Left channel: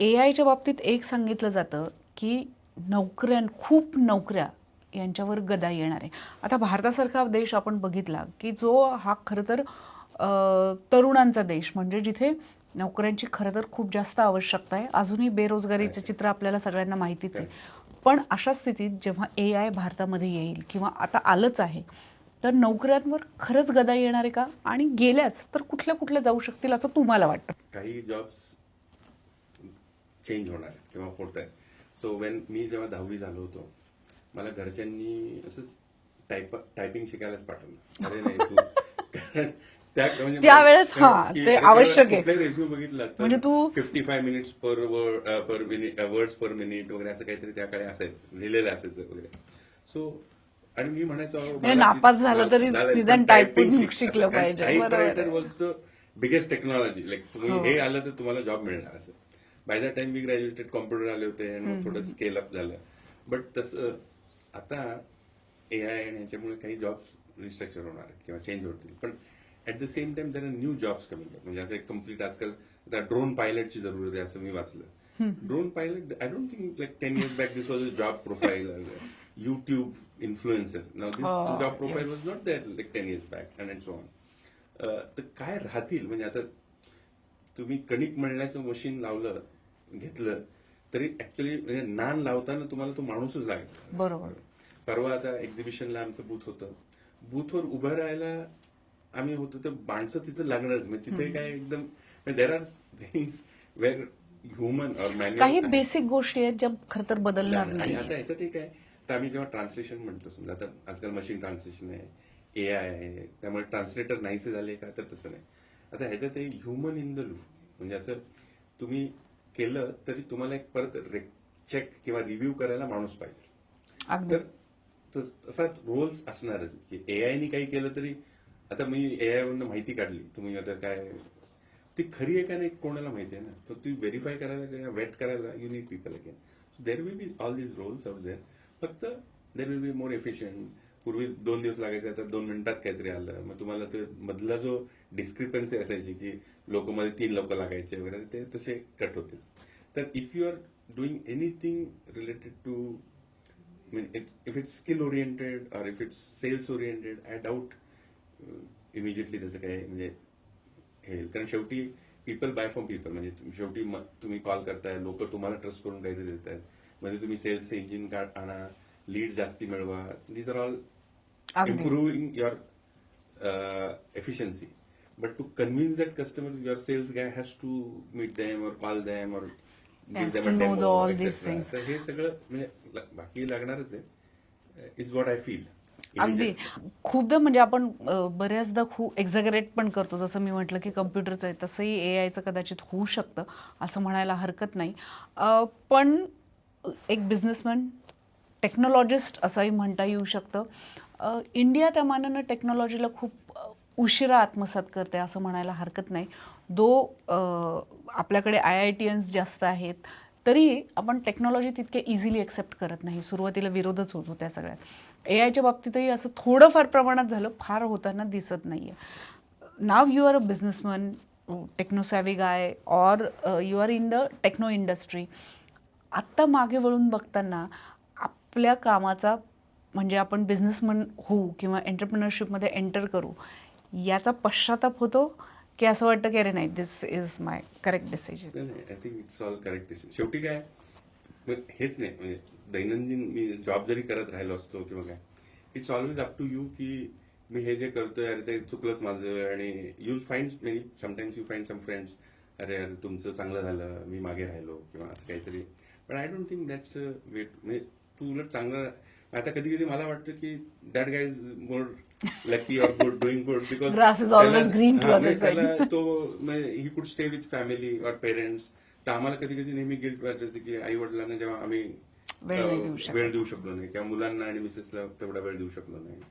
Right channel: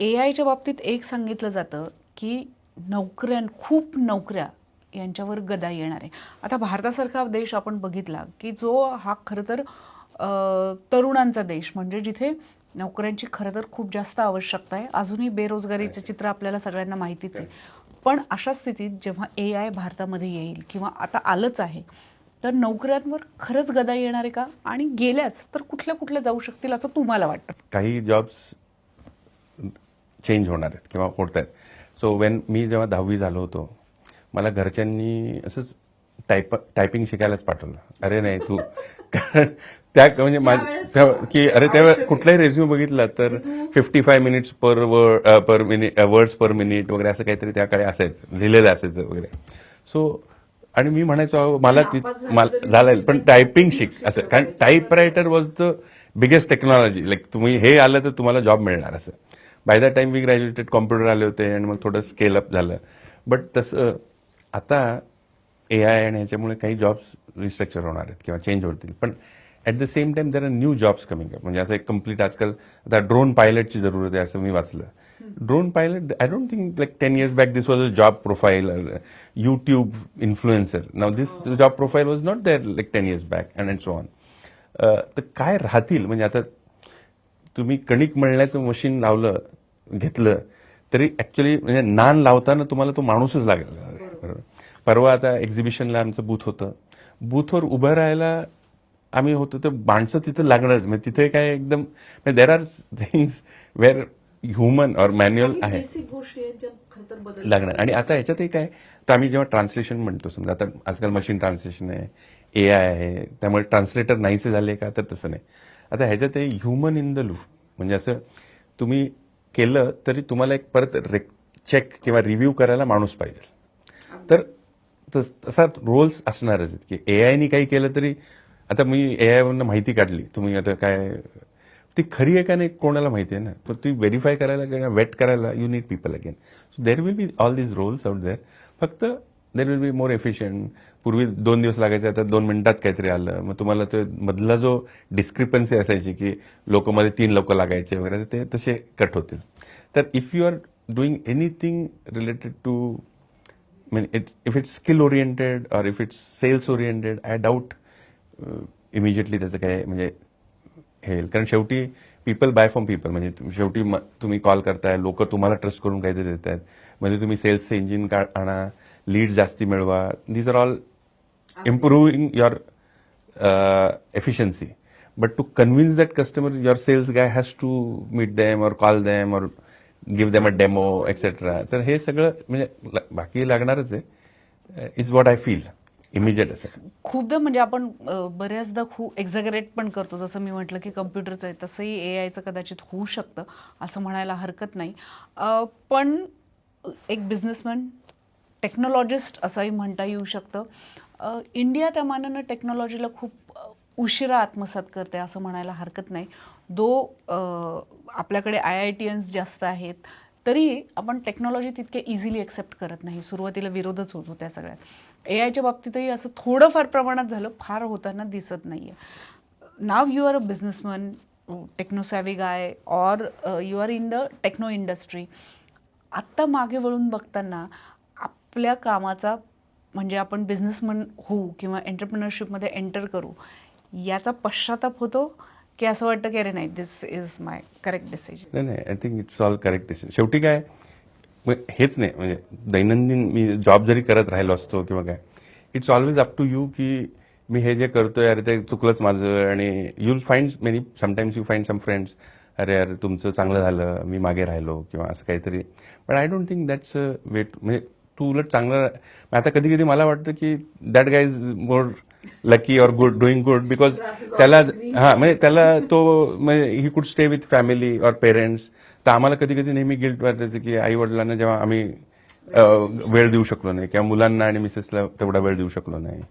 ए आयच्या बाबतीत एक सांगितलं जातं की नोकऱ्यां खूप नोकऱ्या यांच्यावर गदा येणार आहे. आता भारतासारखा देश आपण बघितला की जो हा खरं तर तरुणांचा देश म्हणजे जिथे नोकऱ्यांची खरं तर खूप जास्त आवश्यकता आहे. अजूनही बेरोजगारीचं चित्र आपल्याला सगळ्यांना माहितीच आहे. पण अशा स्थितीत जेव्हा ए आय भारतामध्ये येईल किंवा आता आलंच आहे तर नोकऱ्यांवर खरंच गदा येणार आहे का? आणि गेल्याच तर कुठल्या कुठल्या जाऊ शकतील असं तुम्हाला वाटतं? काही जॉब्स चेंज होणार आहेत किंवा होत आहेत सो वेन मी जेव्हा दहावी झालो होतो मला घरच्यांनी असंच टाईप टायपिंग शिकायलाच पाठवलं अरे नाही तू कारण त्या म्हणजे त्यावेळेस हा, की अरे आवश्यक त्या आहे. कुठलाही रेझ्यूम बघितला तर fifty five minutes per word per minute words per minute वगैरे असं काहीतरी त्याकडे असायचं लिहिलेलं असायचं वगैरे सो आणि मी म्हणायचो मला झालं पण टायपिंग शिक असं कारण. Typewriter was the biggest technology like तुम्ही हे आलं तर तुम्हाला जॉब मिळणार असं by the time we graduated computer आले होते आणि मग थोडं स्केल अप झालं. बट तसं आता ए आय आणि ह्याच्यामुळे काही जॉब्स रिस्ट्रक्चर होणार आहेत किंवा चेंज होतील. पण at the same time there are new jobs coming up म्हणजे असं एक कंप्लीट आजकाल आता ड्रोन पायलटची जरूरत आहे असं मी वाचलं. Drone pilot I don't think like ten years back this was a job profile YouTube influencer now this job profile was not there like ten years back and and so on तर काय राहतील? म्हणजे आता तुम्ही कणिक मळण्याचं machine लावलं घेतलं तरी ऍक्च्युली म्हणजे नान लावताना तुम्हाला तो माणूसच लागेल. बरोबर. परवा आता एक्झिबिशनला आमचं बूथ होतं. बूथवर उभं राहायला आम्ही होतो तर माणसं तिथं लागणारच. म्हणजे तिथे काय एकदम there are things where human or manual basic गोष्टी आहेत ज्या खरं तर बदल लागणार. आणि आता ह्याच्यातही काय तर आम्ही जेव्हा ट्रान्सलेशन म्हणतो समजा आता आजकाल मशीन ट्रान्सलेशन आहे ए आय आहे त्यामुळे ट्रान्सलेटर नाहीसे झाले का? तर तसं नाही. आता ह्याच्यातही ह्युमन इन द लूप म्हणजे असं तुम्ही केलं तरी तुम्हाला एक परत चेक किंवा रिव्ह्यू करायला माणूस पाहिजे. तर तस- तसा रोल्स असणारच आहेत की ए आयनी काही केलं तरी आता मी ए आय वरनं माहिती काढली. तुम्ही आता काय ती खरी आहे का नाही कोणाला माहिती आहे ना? तर ती व्हेरीफाय करायला किंवा वेट करायला you need people again so there will be all these roles out there फक्त there will be more efficient पूर्वी दोन दिवस लागायचे आता दोन मिनिटात काहीतरी आलं. मग तुम्हाला ते मधला जो डिस्क्रिपन्सी असायची की लोकमध्ये तीन लोक लागायचे वगैरे ते तसे कट होतील. तर if you are doing anything related to it if it's skill oriented or if it's sales oriented I doubt immediately त्याचं काय म्हणजे हे येईल. कारण शेवटी पीपल बाय फ्रॉम पीपल म्हणजे शेवटी म- तुम्ही कॉल करताय लोक तुम्हाला ट्रस्ट करून काहीतरी देत आहेत म्हणजे तुम्ही सेल्सचे इंजिन का आणा लीड जास्ती मिळवा. These are all improving your efficiency but to convince that customer your sales guy has to meet them or call them or give them a Yes, demo all these etcetera तर हे सगळं म्हणजे बाकी लागणारच आहे is what I feel immediate. खूपदा म्हणजे आपण बऱ्याचदा खूप एक्झॅगरेट पण करतो. जसं मी म्हटलं की कम्प्युटरचं आहे तसंही ए आयचं कदाचित होऊ शकतं असं म्हणायला हरकत नाही. पण एक बिझनेसमॅन टेक्नॉलॉजिस्ट असंही म्हणता येऊ शकतं. इंडिया त्या मानानं टेक्नॉलॉजीला खूप उशिरा आत्मसात करते असं म्हणायला हरकत नाही. दो आपल्याकडे आय आय टी एन्स जास्त आहेत तरी आपण टेक्नॉलॉजी तितके इझिली एक्सेप्ट करत नाही. सुरुवातीला विरोधच होतो त्या सगळ्यात. ए आयच्या बाबतीतही असं थोडंफार प्रमाणात झालं फार होताना दिसत नाही आहे now you are a businessman techno savvy guy or you are in the techno industry आत्ता मागे वळून बघताना आपल्या कामाचा म्हणजे आपण बिझनेसमन होऊ किंवा एंटरप्रिनरशिपमध्ये एंटर करू याचा पश्चाताप होतो की असं वाटतं की अरे नाही this is my correct decision नाही नाही I think it's all correct decision शेवटी काय मग हेच नाही म्हणजे दैनंदिन मी जॉब जरी करत राहिलो असतो किंवा काय it's always up to you की मी हे जे करतोय अरे ते चुकलंच माझं आणि you'll find many sometimes you find some friends अरे अरे तुमचं चांगलं झालं मी मागे राहिलो किंवा असं काहीतरी. पण I don't think that's a wait म्हणजे तू उलट चांगलं आता कधी कधी मला वाटतं की that guy is more lucky or good doing good because त्याला हा म्हणजे त्याला तो he could stay with family or parents तर आम्हाला कधी कधी नेहमी गिल्ट वाटायचं की आई वडिलांना जेव्हा आम्ही वेळ देऊ शकलो नाही किंवा मुलांना आणि मिसेसला तेवढा वेळ देऊ शकलो नाही.